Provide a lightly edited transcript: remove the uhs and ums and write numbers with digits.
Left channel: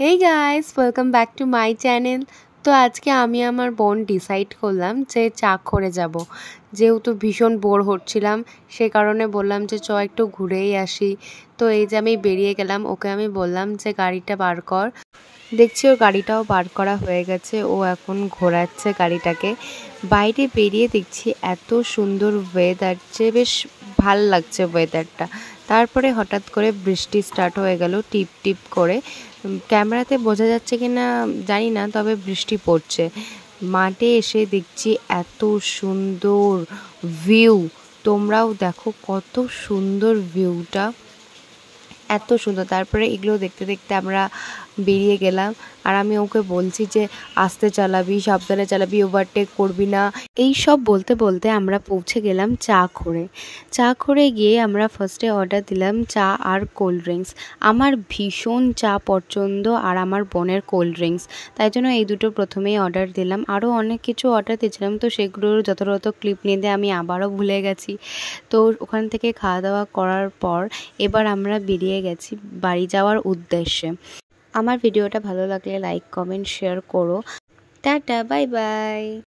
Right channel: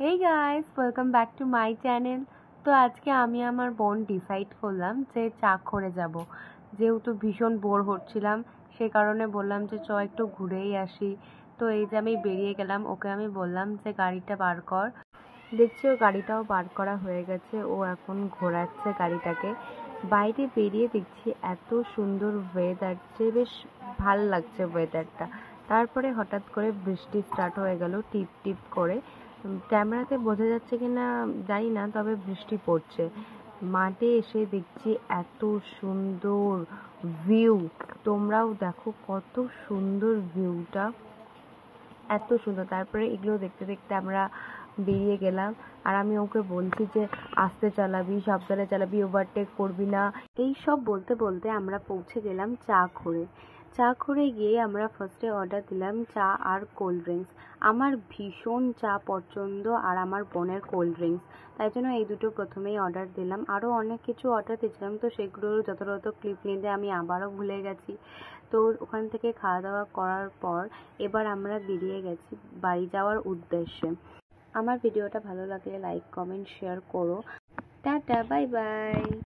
Hey guys, welcome back to my channel. তো আজকে আমি আমার বোন ডিসাইড করলাম যে চাকরে যাব। যেহেতু ভীষণ বোর হচ্ছিলাম, সে কারণে বললাম যে একটু ঘুরেই আসি। তো এই যে আমি বেরিয়ে গেলাম, ওকে আমি বললাম যে গাড়িটা বার কর। দেখছি ওর গাড়িটাও বার করা হয়ে গেছে, ও এখন ঘোরাচ্ছে গাড়িটাকে। বাইরে বেরিয়ে দেখছি এত সুন্দর ওয়েদার, যে বেশ ভাল লাগছে ওয়েদারটা। তারপরে হঠাৎ করে বৃষ্টি স্টার্ট হয়ে গেল টিপ টিপ করে। ক্যামেরাতে বোঝা যাচ্ছে কি না জানি না, তবে বৃষ্টি পড়ছে। মাঠে এসে দেখছি এত সুন্দর ভিউ। তোমরাও দেখো কত সুন্দর ভিউটা, এত সুন্দর। তারপরে এগুলো দেখতে দেখতে আমরা বেরিয়ে গেলাম। আর আমি ওকে বলছি যে আস্তে চালাবি, সাবধানে চালাবি, ওভারটেক করবি না। এই সব বলতে বলতে আমরা পৌঁছে গেলাম চা করে গিয়ে আমরা ফার্স্টে অর্ডার দিলাম চা আর কোল্ড ড্রিঙ্কস। আমার ভীষণ চা পছন্দ আর আমার বোনের কোল্ড ড্রিঙ্কস, তাই জন্য এই দুটো প্রথমেই অর্ডার দিলাম। আরও অনেক কিছু অর্ডার দিয়েছিলাম, তো সেগুলোর যথাযথ ক্লিপ নিতে আমি আবারও ভুলে গেছি। তো ওখান থেকে খাওয়া দাওয়া করার পর এবার আমরা বেরিয়ে গেছি বাড়ি যাওয়ার উদ্দেশ্যে। আমার ভিডিওটা ভালো লাগলে লাইক, কমেন্ট, শেয়ার করো। Tata, bye bye.